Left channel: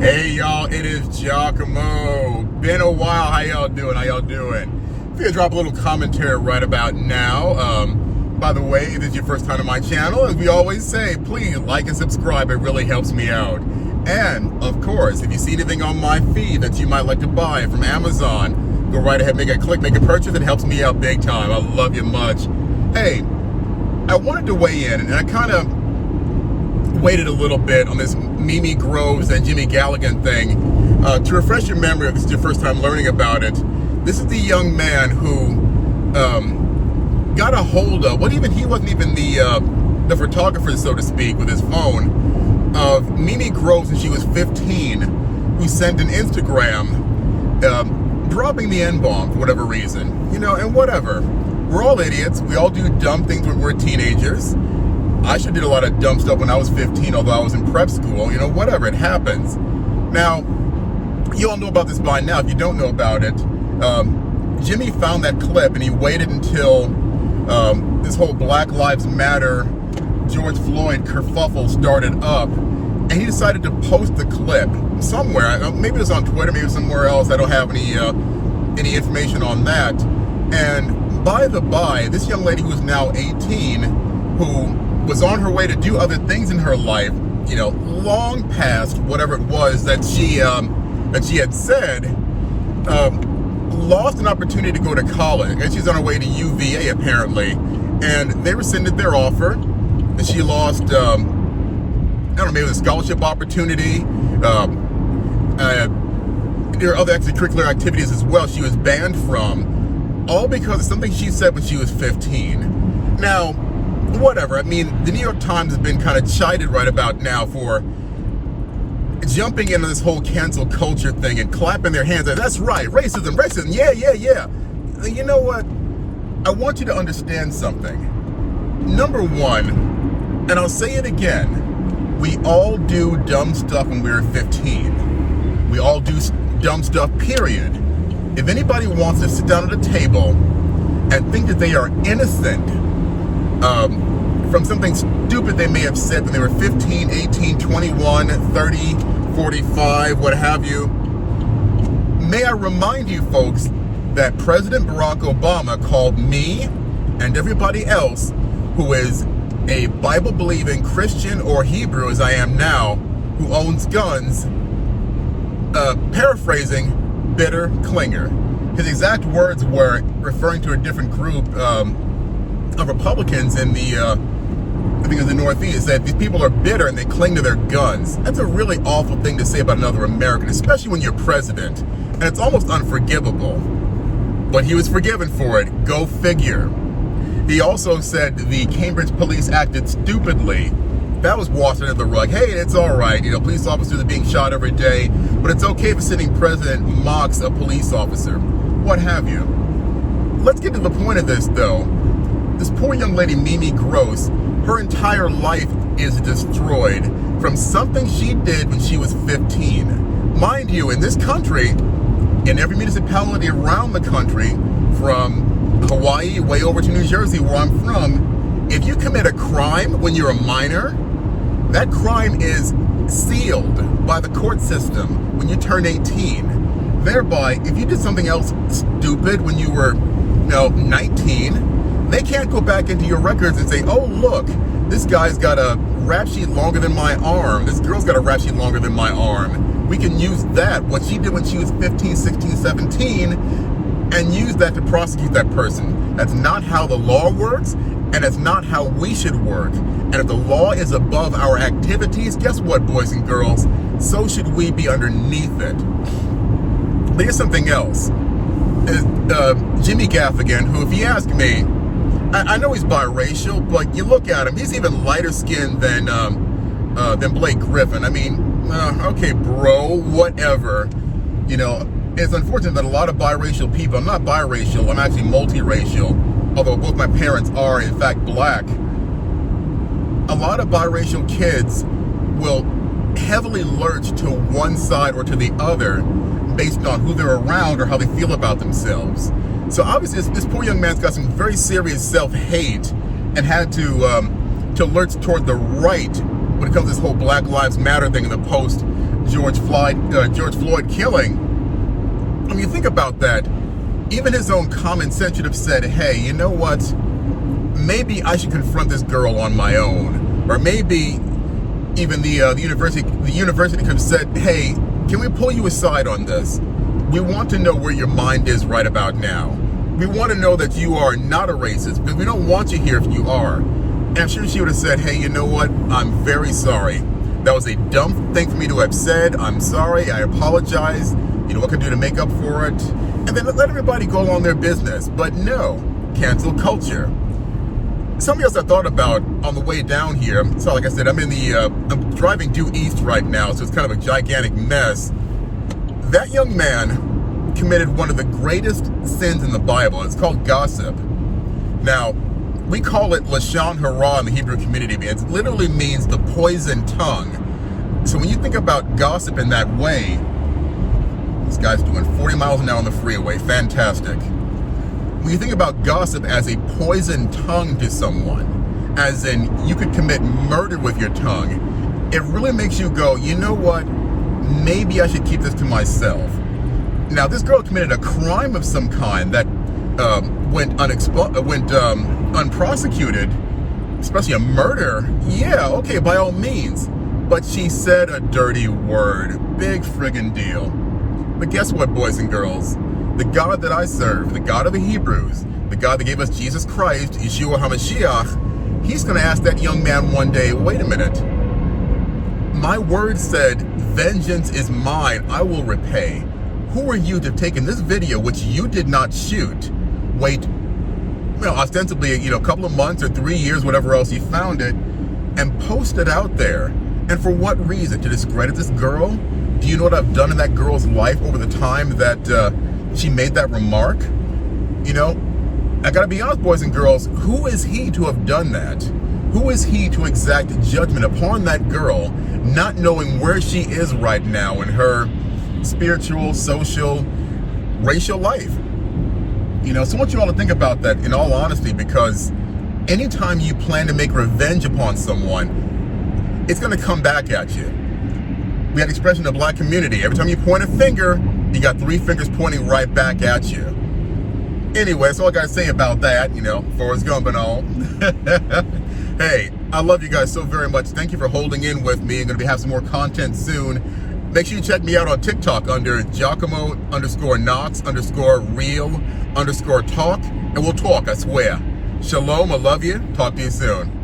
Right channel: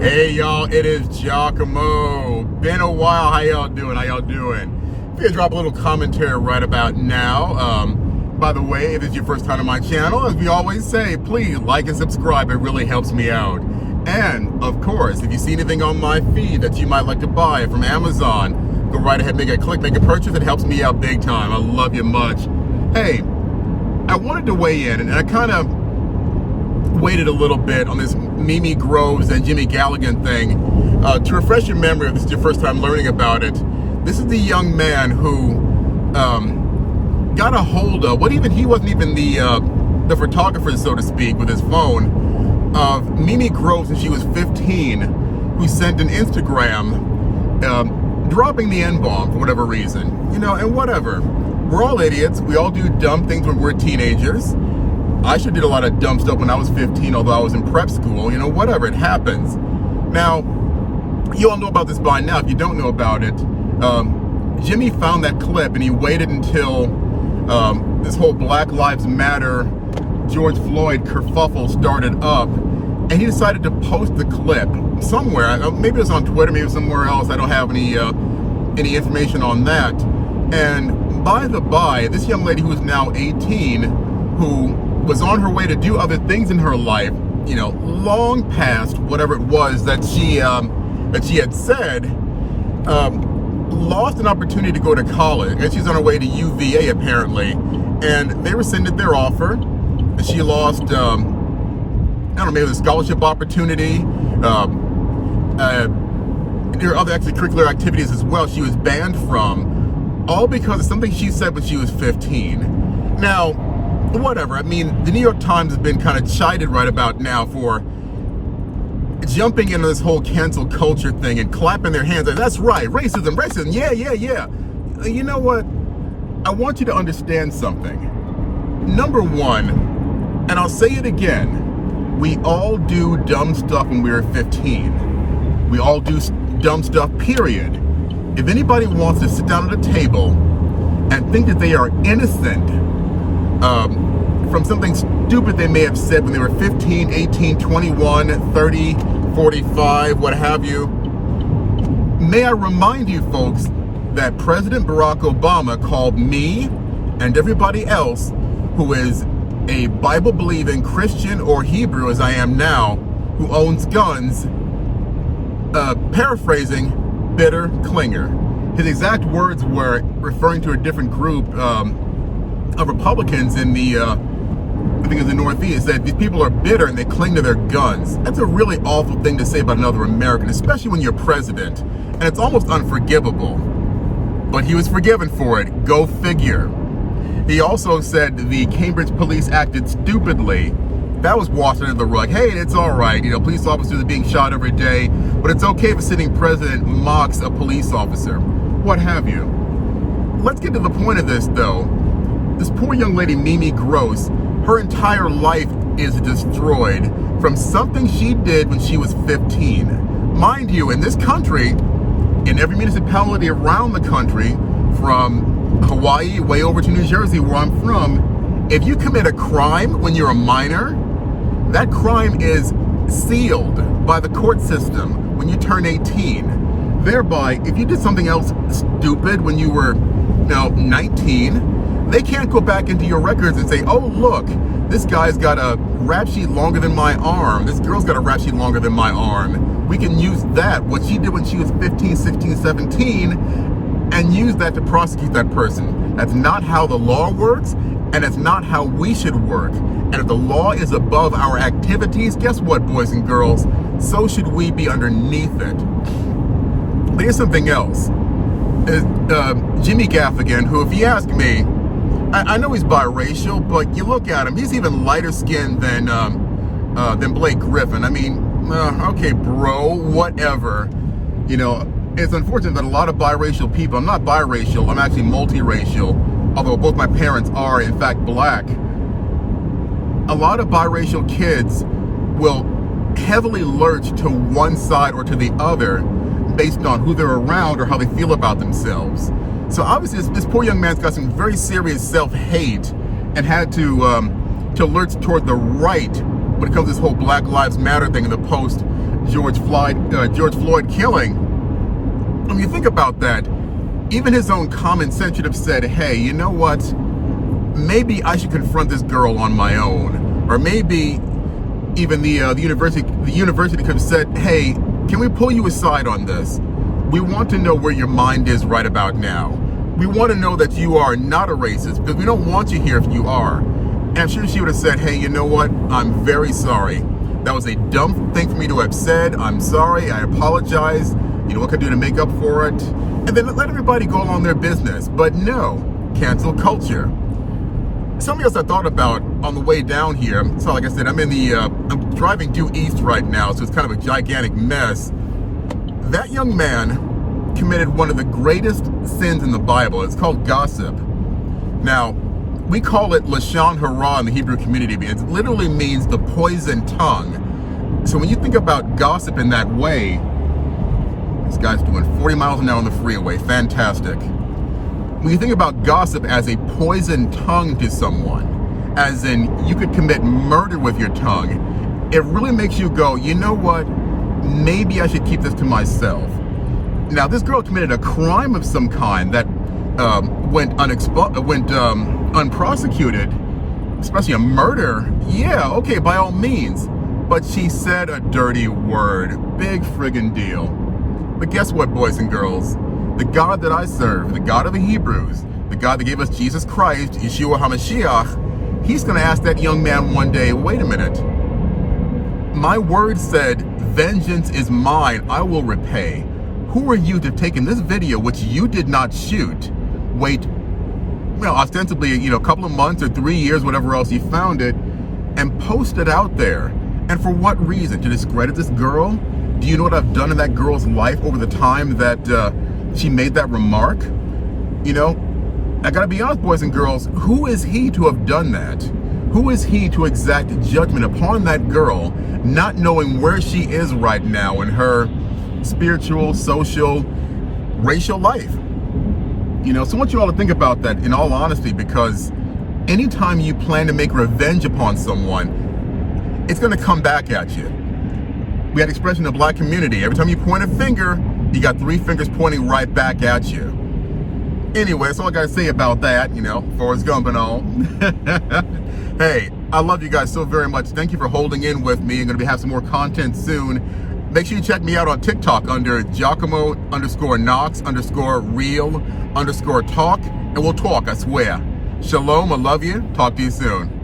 Hey y'all, it is Giacomo. Been a while. How y'all doing? If you drop a little commentary right about now. By the way, if it's your first time on my channel, as we always say, please like and subscribe. It really helps me out. And of course, if you see anything on my feed that you might like to buy from Amazon, go right ahead, make a click, make a purchase. It helps me out big time. I love you much. Hey, I wanted to weigh in, and I kind of waited a little bit on this Mimi Groves and Jimmy Galligan thing. To refresh your memory, if this is your first time learning about it, this is the young man who got a hold of, he wasn't even the photographer, so to speak, with his phone, of Mimi Groves when she was 15, who sent an Instagram dropping the N-bomb for whatever reason. You know, and whatever. We're all idiots. We all do dumb things when we're teenagers. I sure did a lot of dumb stuff when I was 15, although I was in prep school. You know, whatever, it happens. Now, you all know about this by now. If you don't know about it, Jimmy found that clip and he waited until this whole Black Lives Matter, George Floyd kerfuffle started up, and he decided to post the clip somewhere. Maybe it was on Twitter, maybe somewhere else. I don't have any information on that. And by the by, this young lady who is now 18, who was on her way to do other things in her life, you know, long past whatever it was that she had said, lost an opportunity to go to college, and she's on her way to UVA apparently, and they rescinded their offer, and she lost, I don't know, maybe a scholarship opportunity. There are other extracurricular activities as well she was banned from, all because of something she said when she was 15. Now, whatever. I mean, the New York Times has been kind of chided right about now for jumping into this whole cancel culture thing and clapping their hands like, that's right, racism, yeah. You know what? I want you to understand something. Number one, and I'll say it again, we all do dumb stuff when we were 15. We all do dumb stuff, period. If anybody wants to sit down at a table and think that they are innocent from something stupid they may have said when they were 15, 18, 21, 30, 45, what have you, may I remind you folks that President Barack Obama called me and everybody else who is a Bible-believing Christian or Hebrew, as I am now, who owns guns, paraphrasing, bitter clinger. His exact words were referring to a different group of Republicans in the, I think it was the Northeast, that these people are bitter and they cling to their guns. That's a really awful thing to say about another American, especially when you're president. And it's almost unforgivable. But he was forgiven for it. Go figure. He also said the Cambridge police acted stupidly. That was washed under the rug. Hey, it's all right. You know, police officers are being shot every day, but it's okay if a sitting president mocks a police officer. What have you. Let's get to the point of this, though. This poor young lady, Mimi Groves, her entire life is destroyed from something she did when she was 15. Mind you, in this country, in every municipality around the country, from Hawaii way over to New Jersey, where I'm from, if you commit a crime when you're a minor, that crime is sealed by the court system when you turn 18. Thereby, if you did something else stupid when you were, 19, they can't go back into your records and say, oh, look, this guy's got a rap sheet longer than my arm. This girl's got a rap sheet longer than my arm. We can use that, what she did when she was 15, 16, 17, and use that to prosecute that person. That's not how the law works, and it's not how we should work. And if the law is above our activities, guess what, boys and girls? So should we be underneath it. But here's something else. Jimmy Gaffigan, who, if you ask me, I know he's biracial, but you look at him, he's even lighter skinned than Blake Griffin. I mean, okay, bro, whatever. You know, it's unfortunate that a lot of biracial people, I'm not biracial, I'm actually multiracial, although both my parents are, in fact, black. A lot of biracial kids will heavily lurch to one side or to the other based on who they're around or how they feel about themselves. So obviously this poor young man's got some very serious self-hate and had to lurch toward the right when it comes to this whole Black Lives Matter thing in the post George Floyd killing, when you think about that, even his own common sense should have said, hey, you know what? Maybe I should confront this girl on my own. Or maybe even the university could have said, hey, can we pull you aside on this? We want to know where your mind is right about now. We want to know that you are not a racist, because we don't want you here if you are. And I'm sure she would have said, hey, you know what? I'm very sorry. That was a dumb thing for me to have said. I'm sorry. I apologize. You know, what can I do to make up for it? And then let everybody go along their business. But no, cancel culture. Something else I thought about on the way down here. So like I said, I'm driving due east right now, so it's kind of a gigantic mess. That young man committed one of the greatest sins in the Bible. It's called gossip. Now, we call it lashon hara in the Hebrew community, because it literally means the poison tongue. So when you think about gossip in that way, this guy's doing 40 miles an hour on the freeway. Fantastic. When you think about gossip as a poison tongue to someone, as in you could commit murder with your tongue, it really makes you go, you know what? Maybe I should keep this to myself. Now, this girl committed a crime of some kind that went unprosecuted, especially a murder. Yeah, okay, by all means. But she said a dirty word. Big friggin' deal. But guess what, boys and girls? The God that I serve, the God of the Hebrews, the God that gave us Jesus Christ, Yeshua HaMashiach, he's going to ask that young man one day, wait a minute. My word said, vengeance is mine, I will repay. Who are you to have taken this video, which you did not shoot, wait, ostensibly, a couple of months or 3 years, whatever else you found it, and post it out there? And for what reason? To discredit this girl? Do you know what I've done in that girl's life over the time that she made that remark? I gotta be honest, boys and girls, who is he to have done that? Who is he to exact judgment upon that girl, not knowing where she is right now in her spiritual, social, racial life? So I want you all to think about that in all honesty, because anytime you plan to make revenge upon someone, it's gonna come back at you. We had an expression in the black community, every time you point a finger, you got 3 fingers pointing right back at you. Anyway, that's all I gotta say about that, Forrest Gump and all. Hey, I love you guys so very much. Thank you for holding in with me. I'm gonna have some more content soon. Make sure you check me out on TikTok under Giacomo_Knox_real_talk, and we'll talk, I swear. Shalom, I love you. Talk to you soon.